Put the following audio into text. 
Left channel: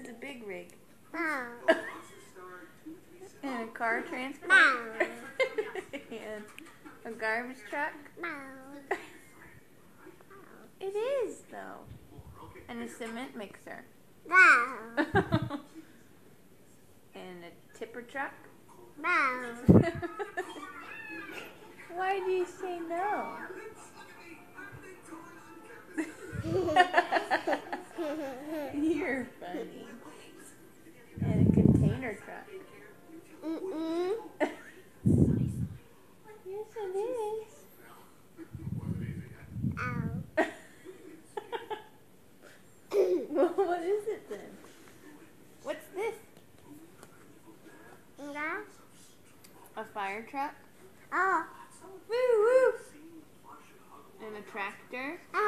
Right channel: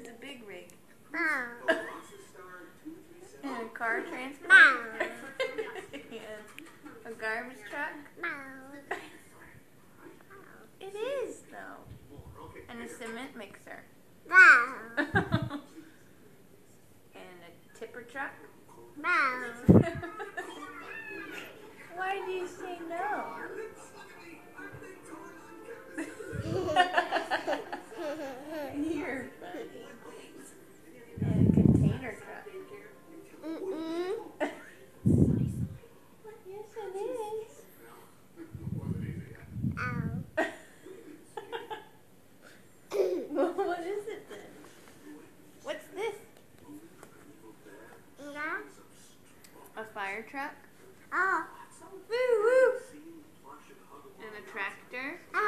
is a big rig. Wow. And a car transport. Wow. And a garbage truck. Wow. It is, though. And a cement mixer. Wow. And a tipper truck. Wow. Why do you say no? You're funny. And a container truck. Mm-mm. Yes, it is. Ow. Well, what is it then? What's this? Yeah. A fire truck? Oh. Woo woo! And a tractor? Oh.